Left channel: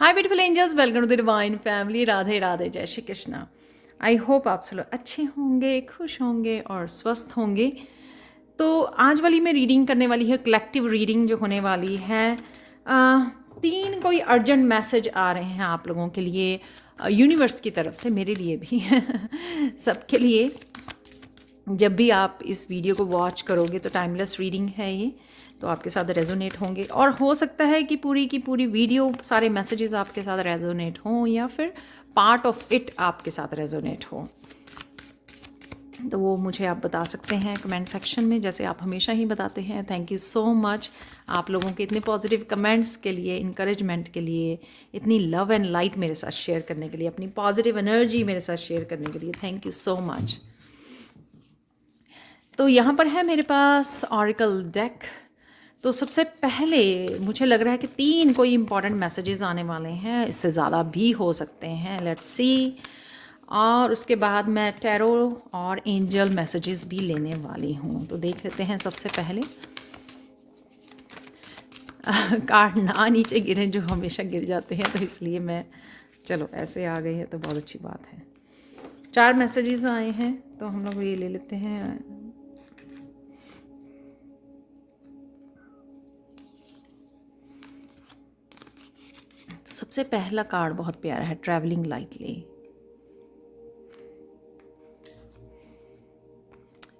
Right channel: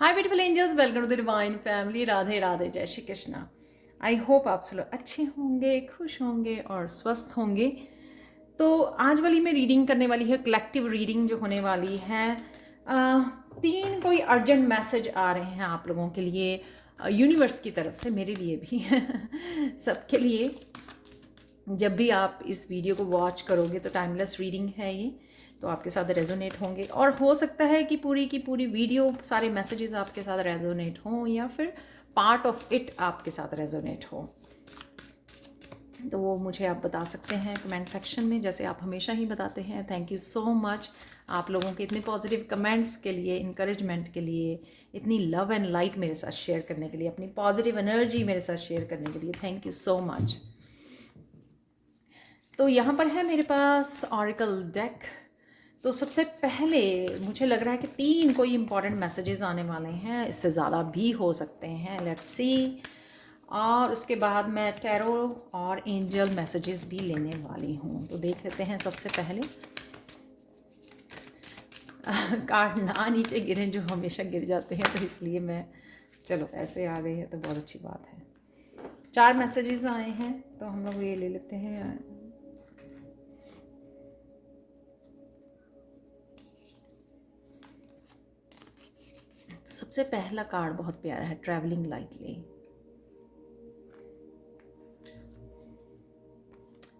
Hi beautiful angels, welcome to the divine family. Radhe Radhe, जय Shri Krishna. I hope आप सब लोग अच्छे होंगे, खुश होंगे और स्वस्थ होंगे। तो आज वाली मैं रीडिंग करने वाली है, कलेक्टिव रीडिंग जो होने वाली है। तीन कोई अर्जेंट मैसेज आ रहे हैं आप लोगों के लिए, यूनिवर्स की तरफ से, मेरे लिए भी सबके लिए। जब भी आप इस वीडियो को वॉच करोगे तो टाइमलेस रीडिंग है ये, तो आपके साथ रेजोनेट होंगे। और हो सकता है कि पूरी की पूरी वीडियो, सारे मैसेजेस आपके साथ रेजोनेट हों, या फिर पार्ट ऑफ इट आपके साथ रेजोनेट हो। तो वो मुझे आप बता सकते हैं कमेंट सेक्शन में, जैसे आप हमेशा ही बताते हैं। थैंक यू सो मच आप लोगों के इतने पॉजिटिव कमेंट्स के लिए, इनकरेजमेंट के लिए, इतनी लव एंड लाइट मेरे साथ शेयर करने के लिए, अपनी पॉजिटिव एनर्जी मेरे साथ शेयर करने के लिए। Thank you so much. तो यहाँ पर है मेरे पास ऑरिकल डेक। तो सबसे पहले मुझे लग रहा है कि तीन कोई इंपॉर्टेंट मैसेजेस आने वाले हैं, इससे ज़्यादा भी हो सकते हैं, लेट्स सी। और उसके बाद मैं टैरो और एंजल मैसेजेस भी लेने वाली हूँ। तो देख लेते हैं सबसे पहले। कार्ड ना नीचे गिरे, जो हमेशा गिर जाते हैं, तो इसलिए मैं, चलो ऐसे आ गए हैं तो बहुत अच्छी बात है। 4 मैसेजेस आए हैं तो हम लोग ये ले लेते हैं। तो सबसे पहला कार्ड बहुत प्यारा है, travelling lightly.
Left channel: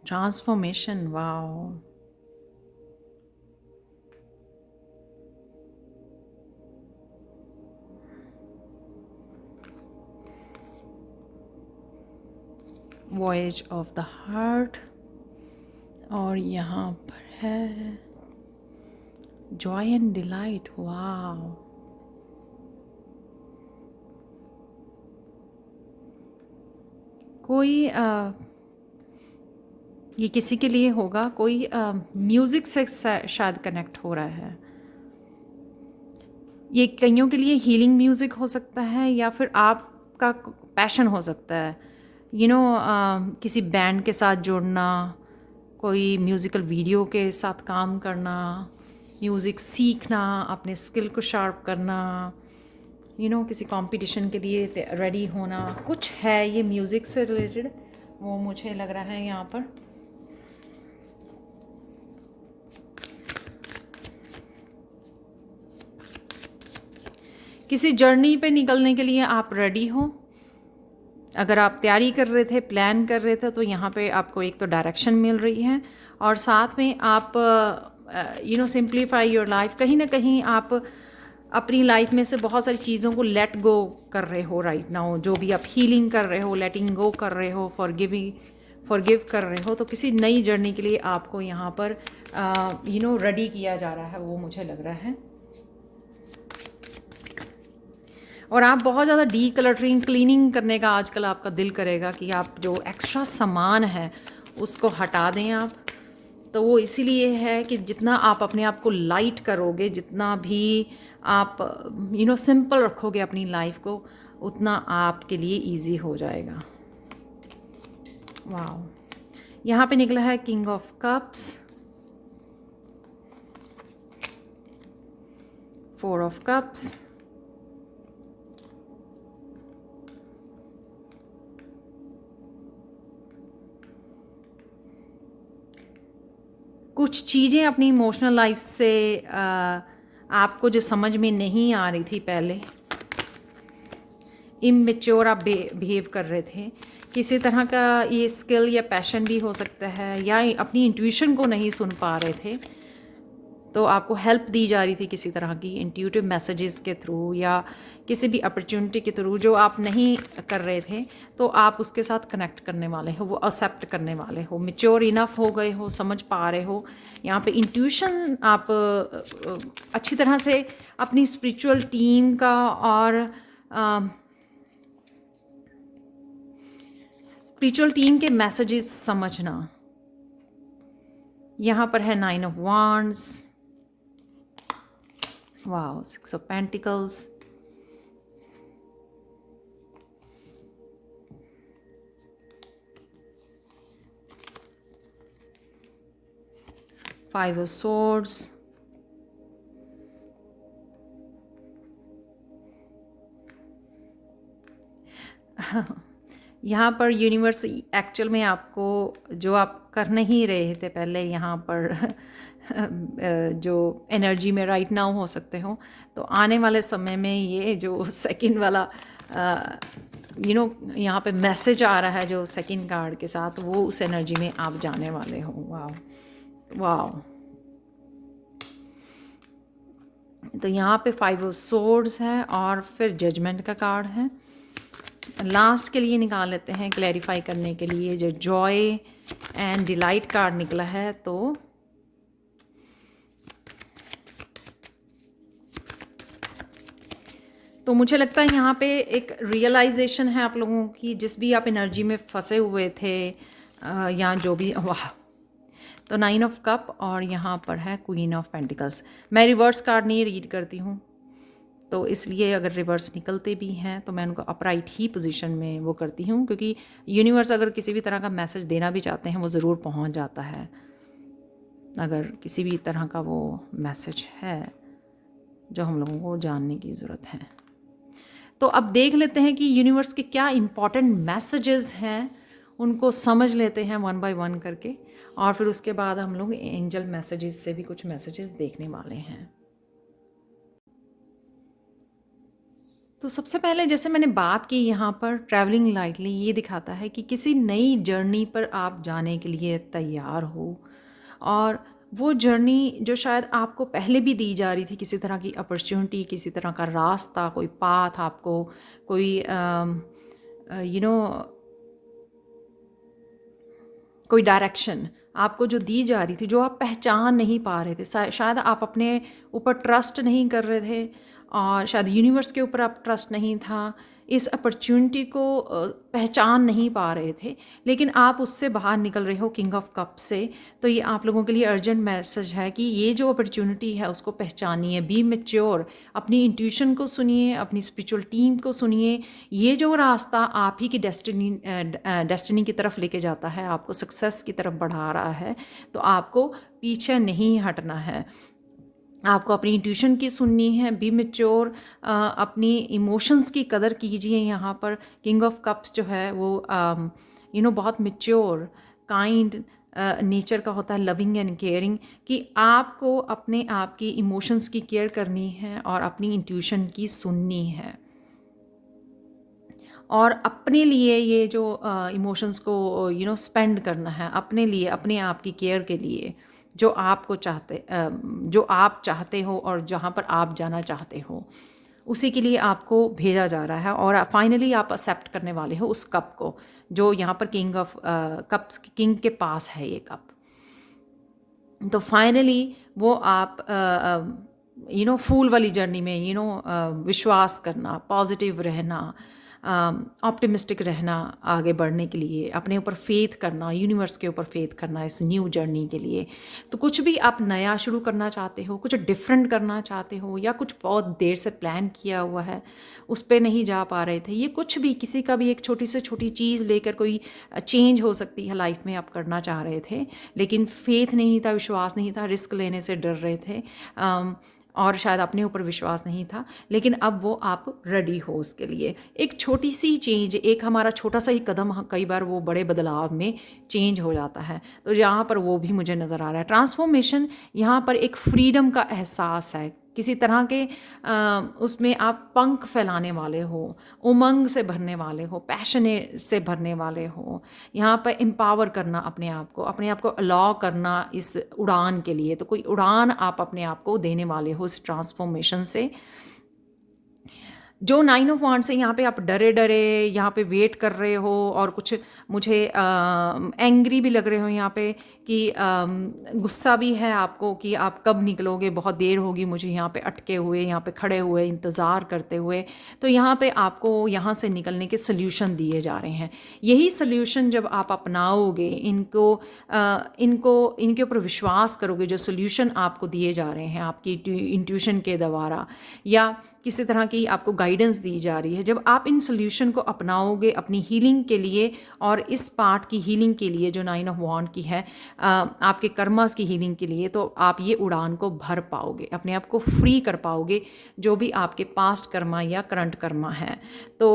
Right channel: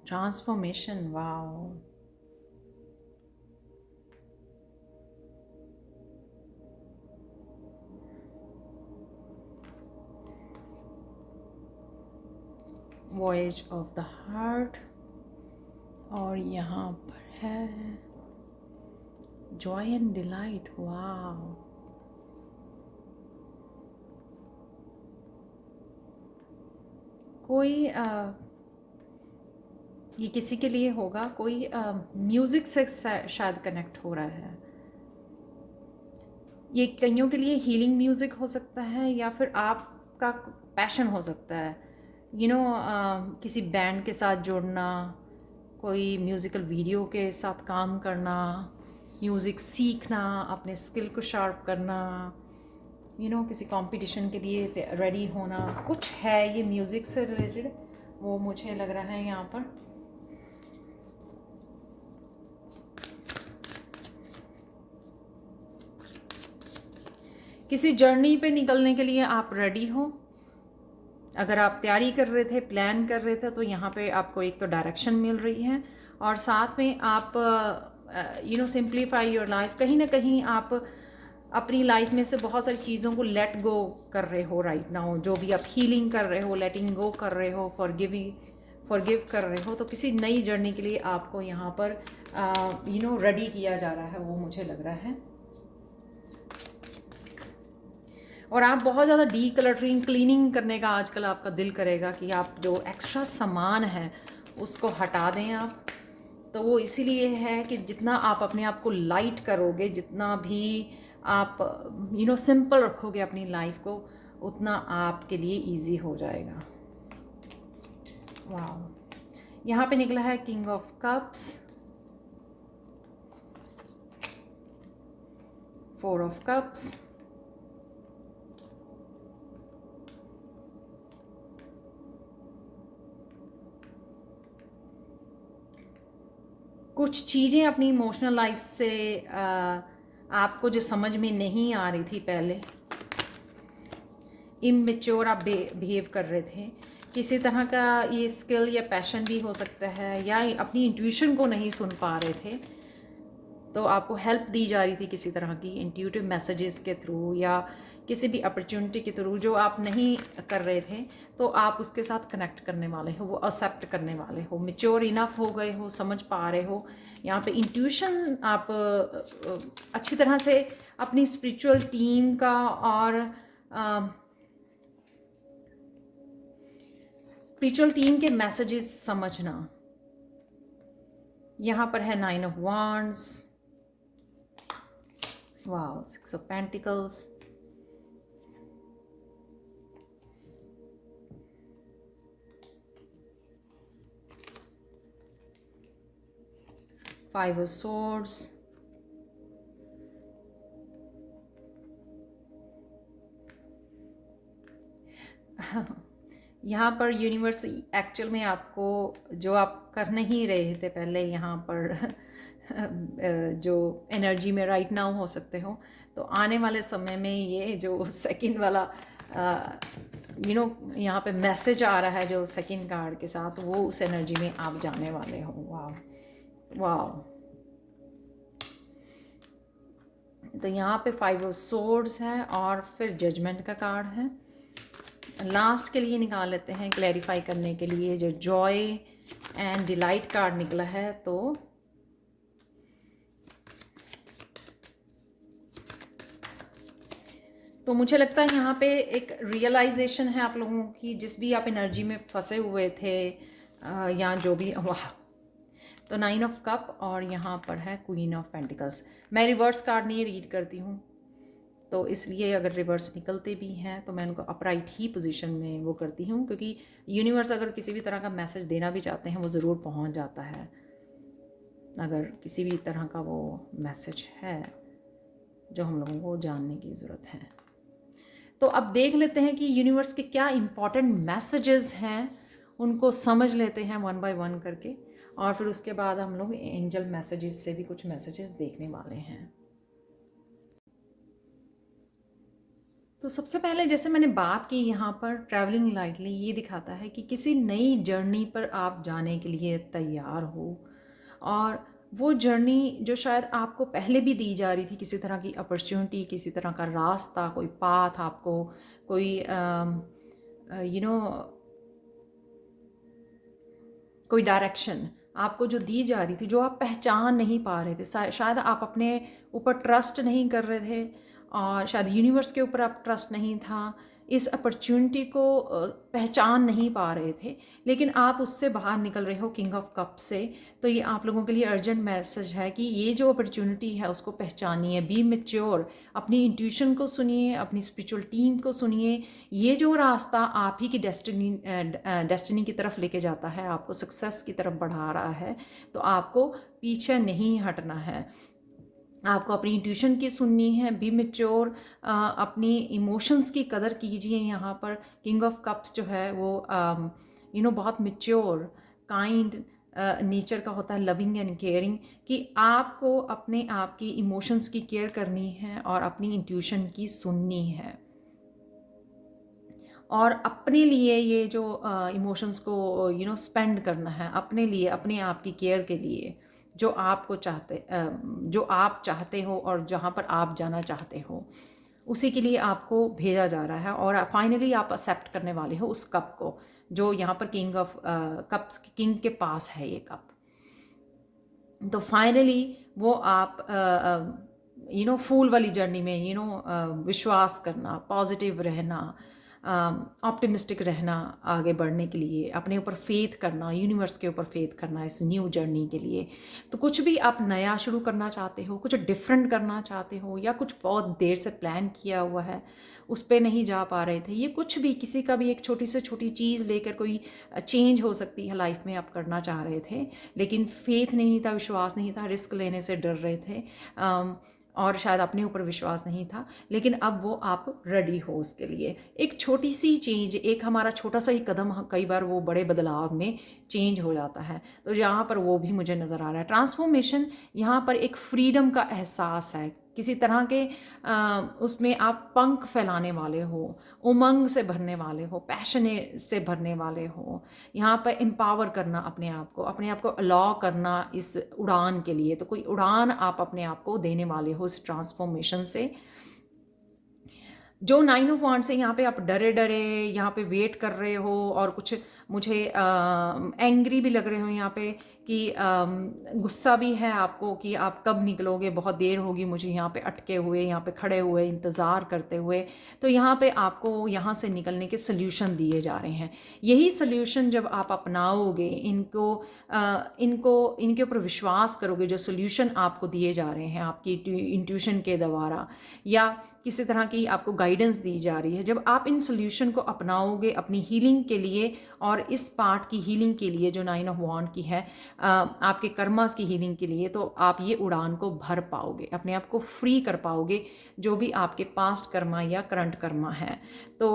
Transformation, wow. Voyage of the heart. और यहाँ पर है जॉय एंड डिलाइट, वाओ। कोई ये किसी के लिए होगा, कोई म्यूज़िक से शायद कनेक्ट हो रहा है। ये कईयों के लिए हीलिंग म्यूज़िक हो सकता है, या फिर आपका पैशन हो सकता है। किसी बैंड के साथ जुड़ना, कोई म्यूज़िकल वीडियो के साथ काम करना, म्यूज़िक सीखना, अपने स्किल को शार्प करना, किसी कंपटीशन के लिए रेडी होना, कुछ है ये म्यूज़िक से रिलेटेड, वो मुझे लग रहा है यहाँ पर। किसी जर्नी पे निकलने के लिए आप रेडी हो। अगर आप तैयारी कर रहे थे, प्लान कर रहे थे, तो यहाँ पे आपको एक तो डायरेक्शन मिल रही है, और साथ में आप सिंप्लीफाई योर लाइफ। कहीं ना कहीं आप अपनी लाइफ में से बहुत सारी चीज़ों को लेट गो कर रहे हो राइट नाउ। जो भी आप हीलिंग कर रहे हो, लेटिंग गो कर रहे हो, फॉरगिव कर रहे हो, तो किसी नई जर्नी के लिए आपको यहाँ पर रेडी किया जा रहा है, वो मुझे लग रहा है। और आप बहुत ज़्यादा डी कलटरिंग, क्लीनिंग करने का आजकल आपका दिल करेगा कि आप जो एक्स्ट्रा सामान है उसको हटा दें आप। तो वो इसीलिए है कि जितना आप अपने आप को लाइट करोगे, जितना भी आप सिंपल रखोगे अपनी लाइफ को, उतना आपके लिए इजी हो जाएगा। वाह। यहाँ पे निकला है king of cups, 4 of cups, कुछ चीज़ें अपनी इमोशनल लाइफ से आपको जो समझ में नहीं आ रही थी पहले, इमेच्योर आप बिहेव कर रहे थे, किसी तरह का ये स्किल या पैशन भी हो सकता है, या अपनी इंट्यूशन को नहीं सुन पा रहे थे, तो आपको हेल्प दी जा रही थी किसी तरह की इंट्यूटिव मैसेजेस के थ्रू, या किसी भी अपॉर्चुनिटी के थ्रू जो आप नहीं कर रहे थे, तो आप उसके साथ कनेक्ट करने वाले हो, वो एक्सेप्ट करने वाले हो, मेच्योर इनफ हो गए हो, समझ पा रहे हो। यहाँ पे इंट्यूशन आप अच्छी तरह से अपनी स्पिरिचुअल टीम का और स्पिरिचुअल टीम के मैसेजेस समझना। यहाँ पर है 9 of wands, wow, 6 of pentacles, 5 of swords, यहाँ पर यूनिवर्स एक्चुअल में आपको जो आप कर नहीं रहे थे पहले यहाँ पर जो एनर्जी में राइट नाउ हो सकते हो, तो आने वाले समय में ये जो सेकंड वाला यहाँ पे मैसेज आ रहा है जो सेकंड कार्ड के साथ, वो उस एनर्जी में आप जाने वाले हो। वाह वाह। तो यहाँ पे 5 ऑफ सोर्ड्स है और फिर जजमेंट का कार्ड है। लास्ट के लिए निकाल लेते हैं क्लैरिफाई करने के लिए, जो जॉय एंड डिलाइट कार्ड निकला है। तो मुझे लगता है यहाँ पे एक रियलाइजेशन है आप लोगों की, जिस भी आप एनर्जी में फंसे हुए थे या जो भी। वाह। तो 9 ऑफ कप और यहाँ पर है क्वीन ऑफ पेंटिकल्स। मैं रिवर्स कार्ड नहीं रीड करती हूँ, तो इसलिए अगर रिवर्स निकलते भी हैं तो मैं उनको अपराइट ही पोजीशन में वो करती हूँ, क्योंकि यूनिवर्स अगर किसी भी तरह का मैसेज देना भी चाहते हैं वो ज़रूर पहुँच जाता है, अगर किसी भी तरह का वो मैसेज है जो हम लोगों को जानने की ज़रूरत है। तो अब देख लेते हैं कि यूनिवर्स के क्या इम्पॉर्टेंट मैसेजेस हैं, उनको समझ लेते हैं वन बाय वन करके, और फिर उसके बाद हम लोग एंजल मैसेजेस से भी कुछ मैसेजेस देखने वाले हैं। तो सबसे पहले जैसे मैंने बात की, यहाँ पर ट्रैवलिंग लाइटली ये दिखाता है कि किसी नई जर्नी पर आप जाने के लिए तैयार हो, और वो जर्नी जो शायद आपको पहले भी दी जा रही थी, किसी तरह की अपॉर्चुनिटी, किसी तरह का रास्ता, कोई पाथ आपको, कोई कोई डायरेक्शन आपको जो दी जा रही थी, जो आप पहचान नहीं पा रहे थे, शायद आप अपने ऊपर ट्रस्ट नहीं कर रहे थे, और शायद यूनिवर्स के ऊपर आप ट्रस्ट नहीं था, इस अपॉर्चुनिटी को पहचान नहीं पा रहे थे, लेकिन आप उससे बाहर निकल रहे हो किंग ऑफ कप से। तो ये आप लोगों के लिए अर्जेंट मैसेज है कि ये जो अपॉर्चुनिटी है उसको पहचानिए, बी मैच्योर, अपनी इंट्यूशन को सुनिए, अपनी स्पिरिचुअल टीम को सुनिए। ये जो रास्ता आप ही की डेस्टिनी की तरफ लेके जाता है, आपको सक्सेस की तरफ बढ़ा रहा है, तो आपको पीछे नहीं हटना है, आपको अपनी इंट्यूशन की सुननी है, बी मैच्योर, अपनी इमोशंस की कदर कीजिए। यहाँ पर किंग ऑफ कप्स जो है वो बहुत मैच्योर, काइंड नेचर का होता है, लविंग एंड केयरिंग, कि आपको अपने आप की इमोशंस की केयर करनी है और अपनी इंट्यूशन की सुननी है, और अपने लिए ये जो इमोशंस को स्पेंड करना है, अपने लिए, अपने आप की केयर के लिए, जो आपको जो आप चाहते हो और जहाँ पर आप जाना चाहते हो, उसी के लिए आपको भेजा जा रहा है। और फाइनली आप एक्सेप्ट करने वाले हो उस कप को, जो यहाँ पर किंग ऑफ कप्स, किंग के पास है ये कप। तो फाइनली वो आप फूल वाली जर्नी में विश्वास करना, पॉजिटिव रहना, ऑप्टिमिस्टिक रहना, आगे बढ़ने के लिए अपने ऊपर फेथ करना, यूनिवर्स के ऊपर फेथ करना इस न्यू जर्नी के लिए। तो कुछ भी आप नया शुरू करना चाहते हो, कुछ डिफरेंट करना चाहते हो, या कुछ बहुत देर से प्लान किया हुआ है उस पर नहीं जा पा रहे थे, ये कुछ भी, किसी का भी एक छोटी से छोटी चीज़ लेकर कोई चेंज हो सकती है लाइफ में, आप करना चाह रहे थे, लेकिन फेथ नहीं था, विश्वास नहीं था, रिस्क लेने से डर रहे थे, और शायद अपने ऊपर विश्वास नहीं था, लेकिन अब वो आप रेडी हो उसके लिए। एक छोटी सी चेंज, एक हमारा छोटा सा ही कदम कई बार वो बड़े बदलाव में चेंज हो जाता है। तो यहाँ पर वो भी मुझे नज़र आ रहा है। ट्रांसफॉर्मेशन, यहाँ पर एक फ्रीडम का एहसास है, किसी तरह के उसमें आप पंख फैलाने वाले हो, उमंग से भरने वाले हो, पैशन से भरने वाले हो। यहाँ पर एम्पावर करना अपने आप को अलाउ करना इस उड़ान के लिए। तो कोई उड़ान आप अपने आप को देने वाले हो इस ट्रांसफॉर्मेशन से। जो 9 ऑफ वांड्स से यहाँ पे आप डरे डरे यहाँ पे वेट कर रहे हो, और कुछ मुझे एंग्री भी लग रहे हो यहाँ पे, कि गुस्सा भी है आपको कि आप कब निकलोगे, बहुत देर होगी मुझे यहाँ पे अटके हुए, यहाँ पे खड़े हुए, इंतज़ार करते हुए। तो यहाँ पे आपको यहाँ से निकलने के सल्यूशन दिए जा रहे हैं। यही सल्यूशन जब आप अपनाओगे, इनके ऊपर विश्वास करोगे, जो सल्यूशन आपको दिए जा रहे हैं आपकी इंट्यूशन के द्वारा, या किसी तरह की आपको गाइडेंस दी जा रही है, जब आप इन सॉल्यूशन को अपनाओगे अपनी हीलिंग के लिए, और इस पार्ट की हीलिंग के लिए जो 9 ऑफ वांड की है, आपके कर्मास की हीलिंग के लिए, तो आप ये उड़ान को भर पाओगे, अपने आप को फ्री कर पाओगे, जो भी आपके पास्ट कर्मा या करंट कर्मा है। तो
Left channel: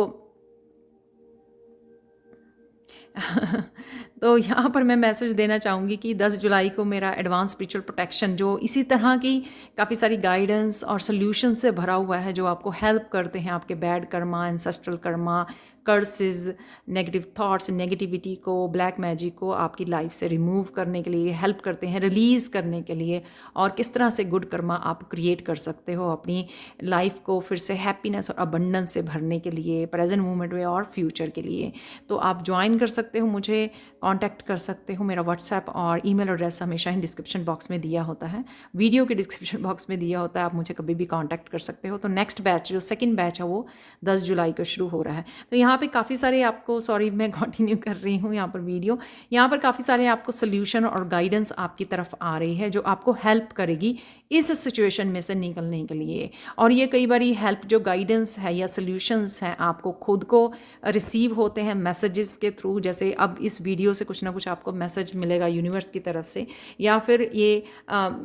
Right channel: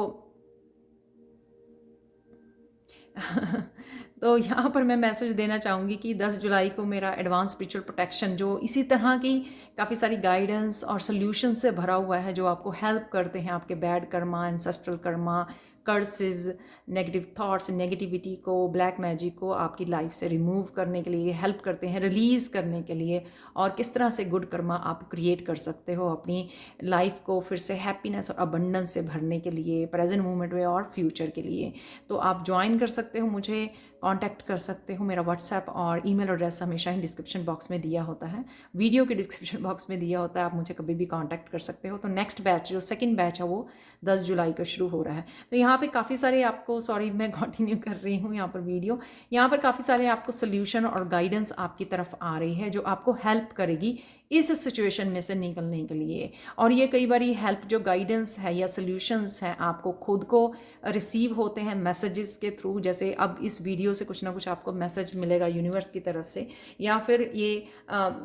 तो यहाँ पर मैं मैसेज देना चाहूँगी कि 10 जुलाई को मेरा एडवांस स्पिरिचुअल प्रोटेक्शन जो इसी तरह की काफ़ी सारी गाइडेंस और सॉल्यूशन से भरा हुआ है, जो आपको हेल्प करते हैं आपके bad Karma, ancestral Karma, curses, negative thoughts, negativity को, ब्लैक मैजिक को आपकी लाइफ से रिमूव करने के लिए हेल्प करते हैं, रिलीज़ करने के लिए, और किस तरह से गुड कर्मा आप क्रिएट कर सकते हो अपनी लाइफ को फिर से हैप्पीनेस और अबंडेंस से भरने के लिए, प्रेजेंट मोमेंट में और फ्यूचर के लिए। तो आप ज्वाइन कर सकते हो, मुझे कांटेक्ट कर सकते हो। मेरा व्हाट्सएप और ईमेल एड्रेस हमेशा ही डिस्क्रिप्शन बॉक्स में दिया होता है, वीडियो के डिस्क्रिप्शन बॉक्स में दिया होता है, आप मुझे कभी भी कांटेक्ट कर सकते हो। तो नेक्स्ट बैच जो सेकंड बैच है वो 10 जुलाई को शुरू हो रहा है। तो यहाँ पे काफ़ी सारे आपको, सॉरी मैं कंटिन्यू कर रही हूँ यहाँ पर वीडियो, यहाँ पर काफ़ी सारे आपको सोल्यूशन और गाइडेंस आपकी तरफ आ रही है जो आपको हेल्प करेगी इस सिचुएशन में से निकलने के लिए। और ये कई बार हेल्प जो गाइडेंस है या सोल्यूशंस हैं आपको खुद को रिसीव होते हैं मैसेजेस के थ्रू, जैसे अब इस वीडियो से कुछ ना कुछ आपको मैसेज मिलेगा यूनिवर्स की तरफ से, या फिर ये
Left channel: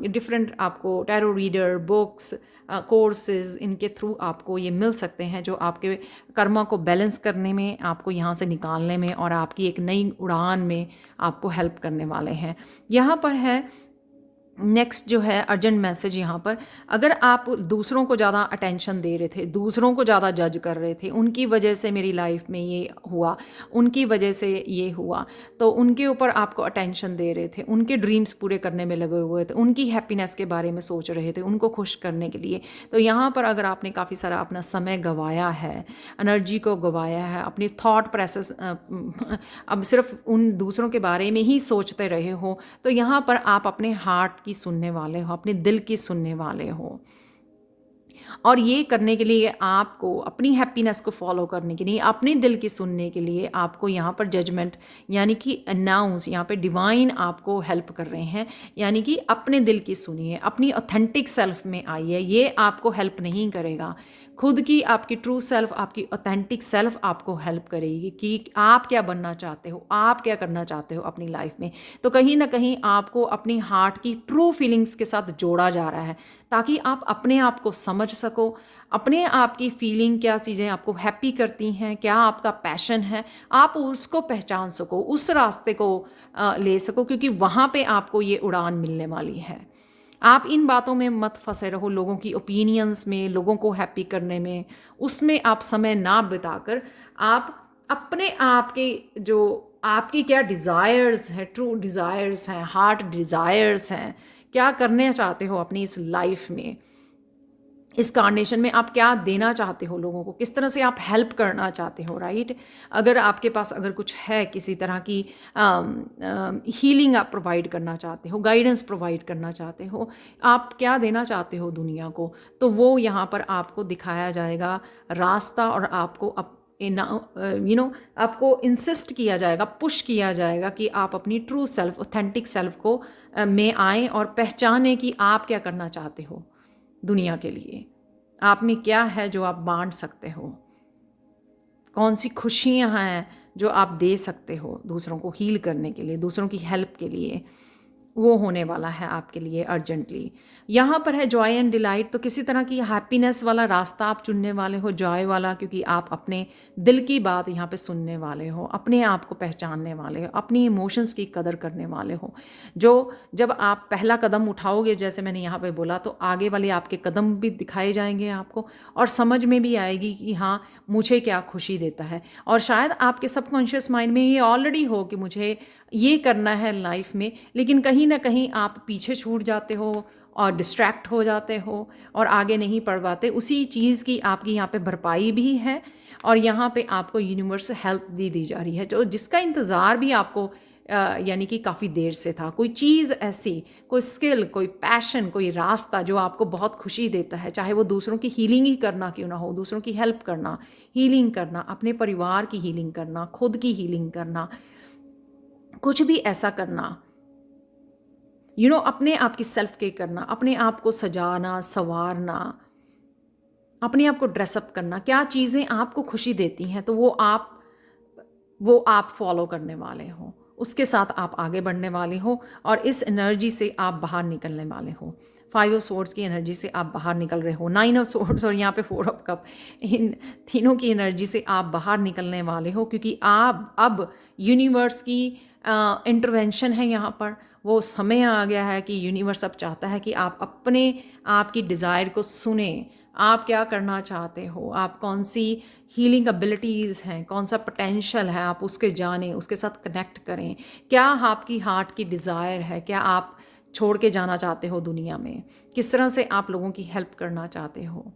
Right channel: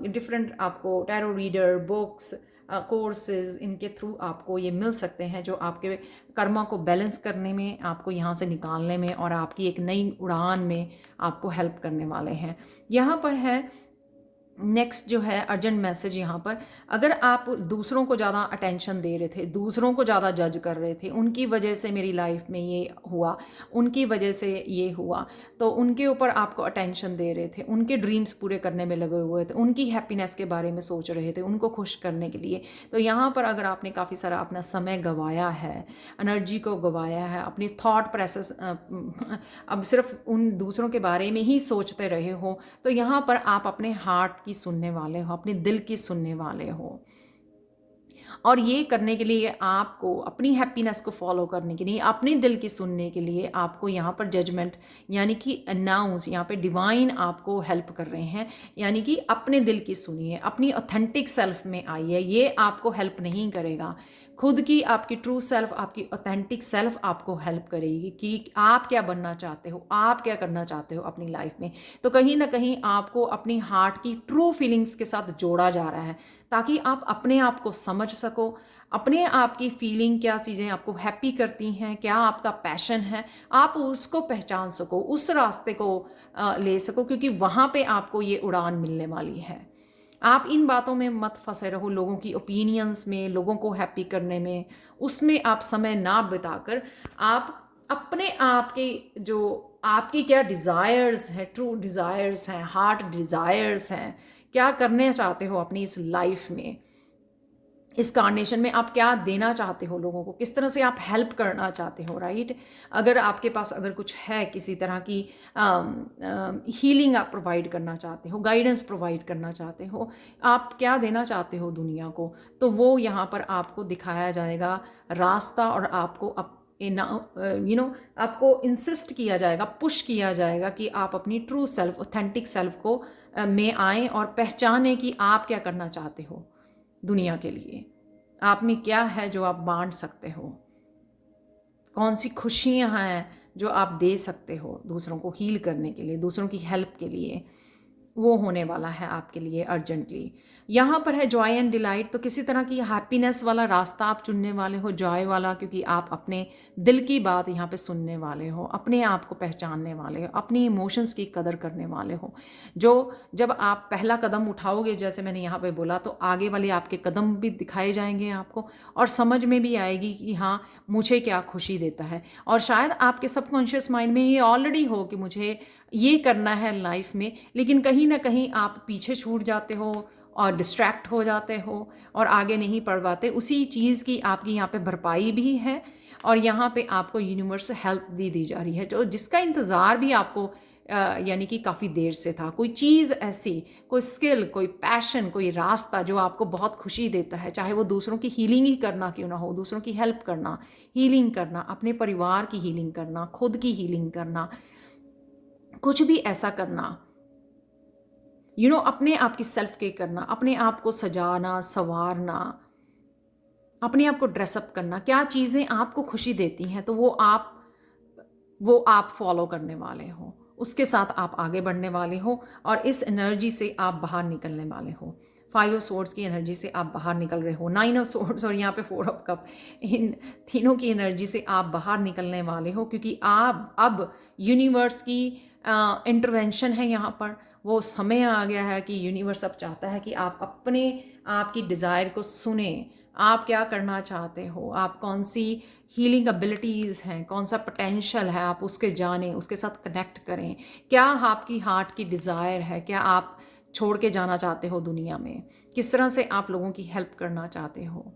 डिफरेंट आपको टैरो रीडर, बुक्स, कोर्सेज, इनके थ्रू आपको ये मिल सकते हैं जो आपके कर्मा को बैलेंस करने में, आपको यहाँ से निकालने में और आपकी एक नई उड़ान में आपको हेल्प करने वाले हैं। यहाँ पर है नेक्स्ट जो है अर्जेंट मैसेज यहाँ पर, अगर आप दूसरों को ज़्यादा अटेंशन दे रहे थे, दूसरों को ज़्यादा जज कर रहे थे, उनकी वजह से मेरी लाइफ में ये हुआ, उनकी वजह से ये हुआ, तो उनके ऊपर आपको अटेंशन दे रहे थे, उनके ड्रीम्स पूरे करने में लगे हुए थे, उनकी हैप्पीनेस के बारे में सोच रहे थे, उनको खुश करने के लिए, तो यहाँ पर अगर आपने काफ़ी सारा अपना समय गंवाया है, एनर्जी को गंवाया है, अपनी थॉट प्रोसेस अब सिर्फ उन दूसरों के बारे में ही सोचते रहे हो, तो यहाँ पर आप अपने हार्ट की सुनने वाले हो, अपने दिल की सुनने वाले हो। और ये करने के लिए आपको अपनी हैप्पीनेस को फॉलो करने के लिए, अपने दिल की सुनने के लिए आपको यहाँ पर जजमेंट यानी कि अनाउंस, यहाँ पे डिवाइन आपको हेल्प कर रहे हैं, यानी कि अपने दिल की सुनिए, अपनी ऑथेंटिक सेल्फ में आइए। ये आपको हेल्प नहीं करेगा, खुद की आपकी ट्रू सेल्फ, आपकी ऑथेंटिक सेल्फ आपको हेल्प करेगी कि आप क्या बनना चाहते हो, आप क्या करना चाहते हो अपनी लाइफ में। तो कहीं ना कहीं आपको अपनी हार्ट की ट्रू फीलिंग्स के साथ जोड़ा जा रहा है ताकि आप अपने आप को समझ सको, अपने आप की फीलिंग, क्या चीज़ें आपको हैप्पी करती हैं, क्या आपका पैशन है, आप उसको पहचान सको, उस रास्ते को ले सको, क्योंकि वहाँ पे आपको ये उड़ान मिलने वाली है। आप इन बातों में मत फंसे रहो, लोगों की ओपिनियंस में, लोगों को हैप्पी करने में, उसमें आप समय ना बिताकर आप अपने आप के जो आपकी क्या डिज़ायर्स हैं, ट्रू डिज़ायर्स हैं, हार्ट डिज़ायर्स हैं, क्या करना चाहते हो अपनी इस लाइफ में, इस कार्नेशन में आप क्या देना चाहते हो लोगों को, किस तरह से आप हेल्प करना चाहते हो, राइट। अगर आपके पास अगर कुछ है, किसी तरह की हीलिंग आप प्रोवाइड करना चाहते हो, गाइडेंस प्रोवाइड करना चाहते हो, आप क्या देना चाहते हो दुनिया को, तो वो यहाँ पर आपको दिखाया जाएगा रास्ता, और आपको आपको इंसिस्ट किया जाएगा, पुश किया जाएगा कि आप अपनी ट्रू सेल्फ, ऑथेंटिक सेल्फ को में आएँ और पहचानें कि आप क्या करना चाहते हो दुनिया के लिए, आप में क्या है जो आप बांट सकते हो, कौन सी खुशियाँ हैं जो आप दे सकते हो दूसरों को हील करने के लिए, दूसरों की हेल्प के लिए, वो होने वाला है आपके लिए अर्जेंटली। यहाँ पर है जॉय एंड डिलाइट, तो किसी तरह की हैप्पीनेस वाला रास्ता आप चुनने वाले हो, जॉय वाला, क्योंकि आप अपने दिल की बात यहाँ पे सुनने वाले हो, अपने आप को पहचानने वाले हो, अपनी इमोशंस की कदर करने वाले हो। जो जब आप पहला कदम उठाओगे, जैसे मैंने यहाँ पे बोला, तो आगे वाले आपके कदम भी दिखाए जाएंगे आपको, और समझ में भी आएगी कि हाँ मुझे क्या खुशी देता है। और शायद आपके सबकॉन्शियस माइंड में ये ऑलरेडी हो कि मुझे ये करना है लाइफ में, लेकिन कहीं ना कहीं आप पीछे छूट जाते हो और डिस्ट्रैक्ट हो जाते हो और आगे नहीं पढ़ पाते। उसी चीज़ की आपकी यहाँ पे भरपाई भी है, और यहाँ पे आपको यूनिवर्स हेल्प दी जा रही है, जो जिसका इंतज़ार भी आपको यानी कि काफ़ी देर से था। कोई चीज़ ऐसी, कोई स्किल, कोई पैशन, कोई रास्ता जो आपको बहुत खुशी देता है, चाहे वो दूसरों की हीलिंग ही करना क्यों ना हो, दूसरों की हेल्प करना, हीलिंग करना, अपने परिवार की हीलिंग करना, खुद की हीलिंग करना, कुछ भी ऐसा करना, अपने आप की सेल्फ केयर करना, अपने आप को सजाना, संवारना, अपने आप को ड्रेसअप करना, क्या चीज़ें आपको खुशी देती हैं, तो वो आप फॉलो करने वाले हो, उसके साथ आप आगे बढ़ने वाले हो और इस एनर्जी से आप बाहर निकलने वाले हो। फाइव ऑफ सोर्ड्स की एनर्जी से आप बाहर निकल रहे हो, नाइन ऑफ सोर्ड्स और यहाँ पे फोर ऑफ कप, इन तीनों की एनर्जी से आप बाहर निकलने वाले हो, क्योंकि आप अब यूनिवर्स की इंटरवेंशन है यहाँ पर। वो समय आ गया है कि यूनिवर्स अब चाहता है कि आप अपने आप की डिज़ायर को सुने। आप क्या करना चाहते हो, आप कौन सी हीलिंग एबिलिटीज़ हैं, कौन सा पोटेंशियल है, आप उसके जानें, उसके साथ कनेक्ट करें। क्या आपकी हार्ट की डिज़ायर है, क्या आप छोड़ के जाना चाहते हो दुनिया में, किस तरह से आप लोगों की हेल्प करना चाहते हो,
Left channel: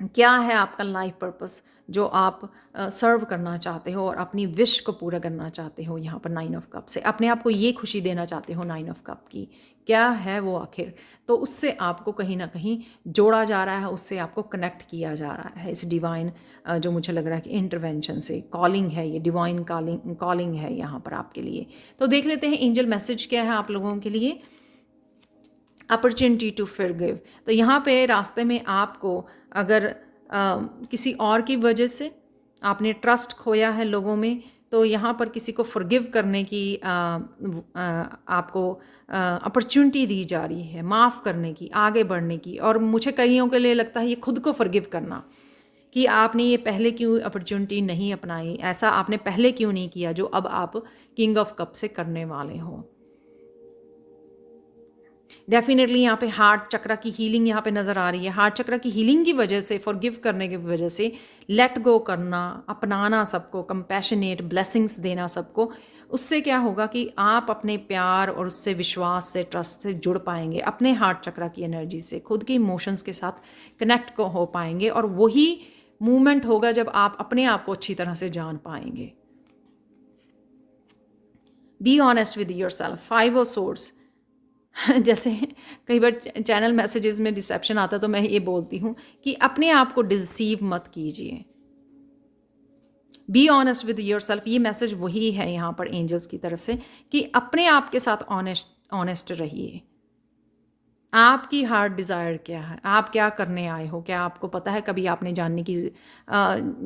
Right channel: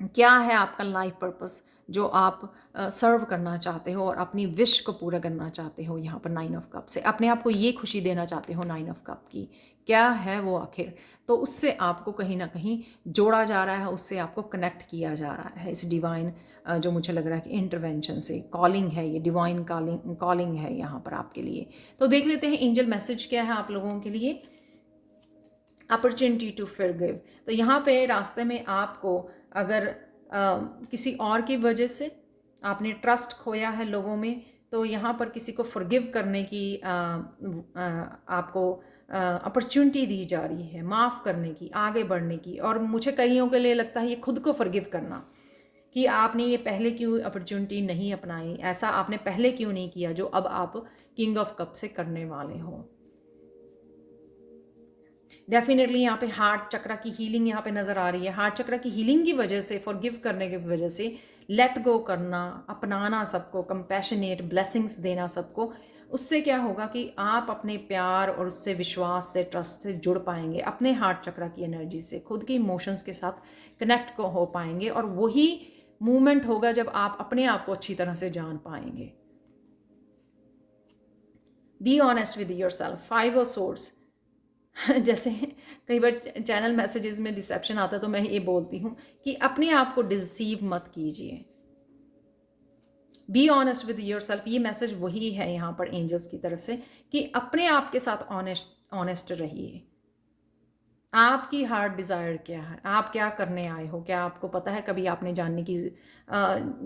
क्या है आपका लाइफ पर्पस जो आप सर्व करना चाहते हो और अपनी विश को पूरा करना चाहते हो। यहाँ पर नाइन ऑफ कप से अपने आप को ये खुशी देना चाहते हो, नाइन ऑफ कप की क्या है वो आखिर, तो उससे आपको कहीं ना कहीं जोड़ा जा रहा है, उससे आपको कनेक्ट किया जा रहा है इस डिवाइन जो मुझे लग रहा है कि इंटरवेंशन से कॉलिंग है, ये डिवाइन कॉलिंग है यहाँ पर आपके लिए। तो देख लेते हैं एंजल मैसेज क्या है आप लोगों के लिए। अपॉर्चुनिटी टू फॉरगिव, तो यहाँ पे रास्ते में आपको अगर किसी और की वजह से आपने ट्रस्ट खोया है लोगों में, तो यहाँ पर किसी को फॉरगिव करने की आपको अपॉर्चुनिटी दी जा रही है, माफ़ करने की, आगे बढ़ने की। और मुझे कईयों के लिए लगता है ये खुद को फॉरगिव करना, कि आपने ये पहले क्यों अपॉर्चुनिटी नहीं अपनाई, ऐसा आपने पहले क्यों नहीं किया जो अब आप किंग ऑफ कप से करने वाले हो। डेफिनेटली यहाँ पे हार्ट चक्र की हीलिंग यहाँ पे नज़र आ रही है। हार्ट चक्र की हीलिंग की वजह से, फॉरगिव करने की वजह से, लेट गो करना, अपनाना सबको, कंपैशनेट ब्लेसिंग्स देना सबको, उससे क्या होगा कि आप अपने प्यार और उससे विश्वास से, ट्रस्ट से जुड़ पाएंगे, अपने हार्ट चक्र की एनर्जी से खुद के इमोशंस के साथ कनेक्ट को हो पाएंगे। और वही मूवमेंट होगा जब आप अपने आप को अच्छी तरह से जान पाएंगे। Be honest with your self, five of swords. जैसे कई बार चैनल मैसेजेस में डिसेप्शन आता है तो मैं ये बोलती हूँ कि अपने आप को डिसीव मत कीजिए। Be honest with your self, ये मैसेज वही है यहाँ पर एंजल्स की तरफ से कि अपने आप के साथ ऑनेस्ट रहिए। आपकी हार्ट डिज़ायर क्या है, आप क्या करने आए हो, क्या आपको पता है? कभी आपने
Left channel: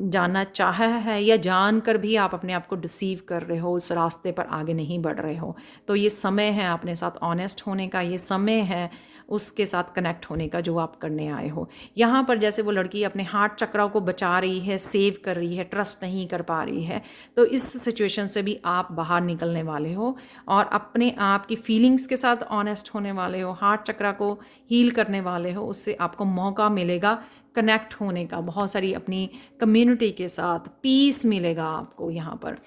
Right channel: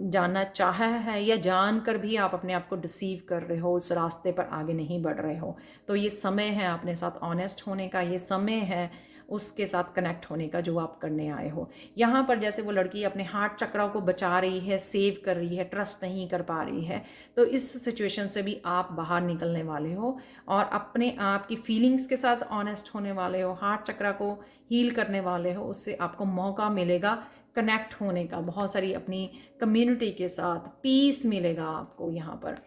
जानना चाहा है, या जानकर भी आप अपने आप को डिसीव कर रहे हो, उस रास्ते पर आगे नहीं बढ़ रहे हो। तो ये समय है अपने साथ ऑनेस्ट होने का, ये समय है उसके साथ कनेक्ट होने का जो आप करने आए हो। यहाँ पर जैसे वो लड़की अपने हार्ट चक्र को बचा रही है, सेव कर रही है, ट्रस्ट नहीं कर पा रही है, तो इस सिचुएशन से भी आप बाहर निकलने वाले हो और अपने आप की फीलिंग्स के साथ ऑनेस्ट होने वाले हो, हार्ट चक्र को हील करने वाले हो। उससे आपको मौका मिलेगा कनेक्ट होने का, बहुत सारी अपनी कम्युनिटी के साथ पीस मिलेगा आपको। यहाँ पर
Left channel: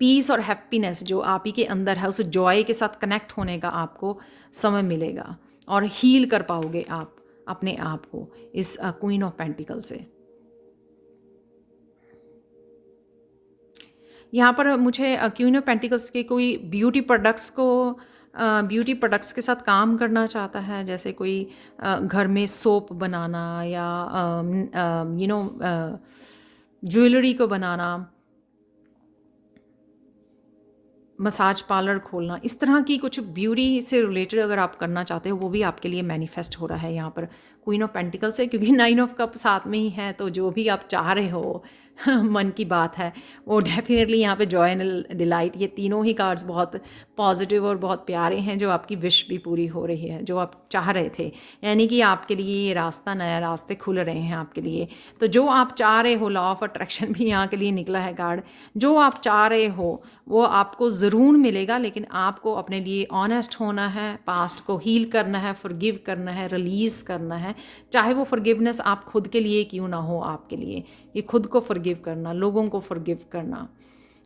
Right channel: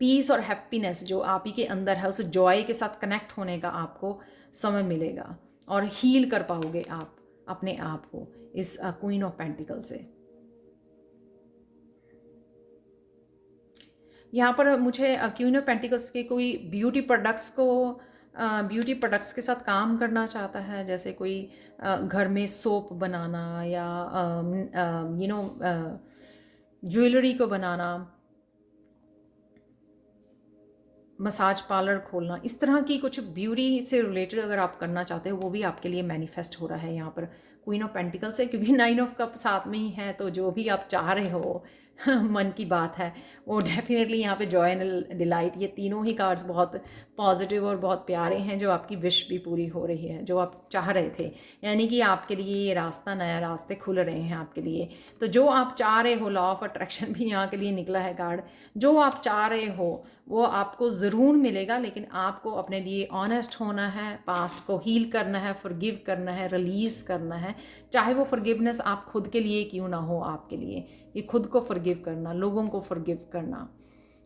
पीस और हैप्पीनेस जो आप ही के अंदर है, उस जॉय के साथ कनेक्ट होने का आपको समय मिलेगा और हील कर पाओगे आप अपने आप को इस क्वीन ऑफ पेंटिकल से। यहाँ पर मुझे क्वीन ऑफ पेंटिकल्स के कोई ब्यूटी प्रोडक्ट्स के साथ काम करना चाहता है, जैसे कोई घर में सोप बनाना या ज्वेलरी को बनाना, मसाज पार्लर खोलना, इस तरह की कुछ ब्यूटी से रिलेटेड अगर आप करना चाहते हो, वो भी आपके लिए मैनिफेस्ट हो रहा है यहाँ पर क्वीन ऑफ पेंटिकल से, क्योंकि नाइन ऑफ कप साथ में ही है। तो जो भी आप चाह रहे हो मन की बात है वो डेफिनेटली यहाँ पे जॉय एंड डिलाइट, ये तीनों ही कार्ड्स बहुत पॉजिटिव और बहुत प्यारे हैं। जो आपकी विश भी पूरी हो रही है, जो आप चाह रहे थे, यानी कि आपके लिए ये रास्ता, नया रास्ते खुल रहे हैं आपके लिए। तो जो आप चाह रहे हो, लॉ ऑफ अट्रैक्शन भी यहाँ के लिए निकला है कार्ड, जो आप चाह रहे हो वो आपको ज़रूर मिलेगा, लेकिन आपको अपने लिए ऑनेस्ट होना है, पास्ट को हील करना है, फॉरगिव करना है, रिलीज़ करना है। चाहे वो फॉरगिवनेस आप खुद के लिए क्यों ना हो, आपके लिए ये खुद को फॉरगिव करना, लोगों को फॉरगिव करना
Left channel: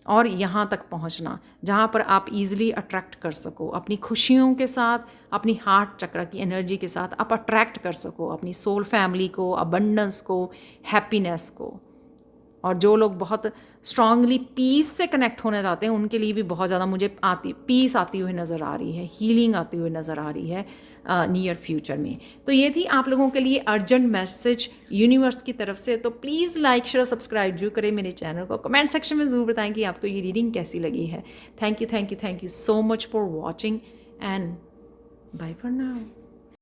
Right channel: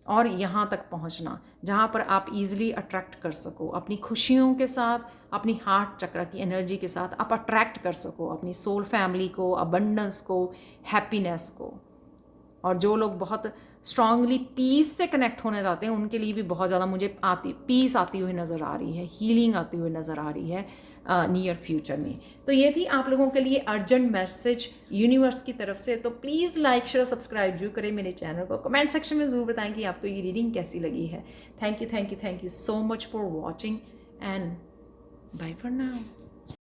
और यहाँ तक पहुँचना जहाँ पर आप इजीली अट्रैक्ट कर सको अपनी खुशियों के साथ, अपनी हार्ट चक्र की एनर्जी के साथ आप अट्रैक्ट कर सको अपनी सोल फैमिली को, अबंडेंस को, हैप्पीनेस को। और जो लोग बहुत स्ट्रांगली पीस से कनेक्ट होना चाहते हैं, उनके लिए भी बहुत ज़्यादा मुझे पीस आती हुई नज़र आ रही है, हीलिंग आती हुई नज़र आ रही है नियर फ्यूचर में। तो ये थी आप लोगों के लिए अर्जेंट मैसेज यूनिवर्स की तरफ से। तो प्लीज़ लाइक, शेयर, सब्सक्राइब जरूर करें मेरे चैनल को। कमेंट सेक्शन में ज़रूर बताएं कि आपको ये रीडिंग कैसी लगी है। Thank you so much for watching and bye for now.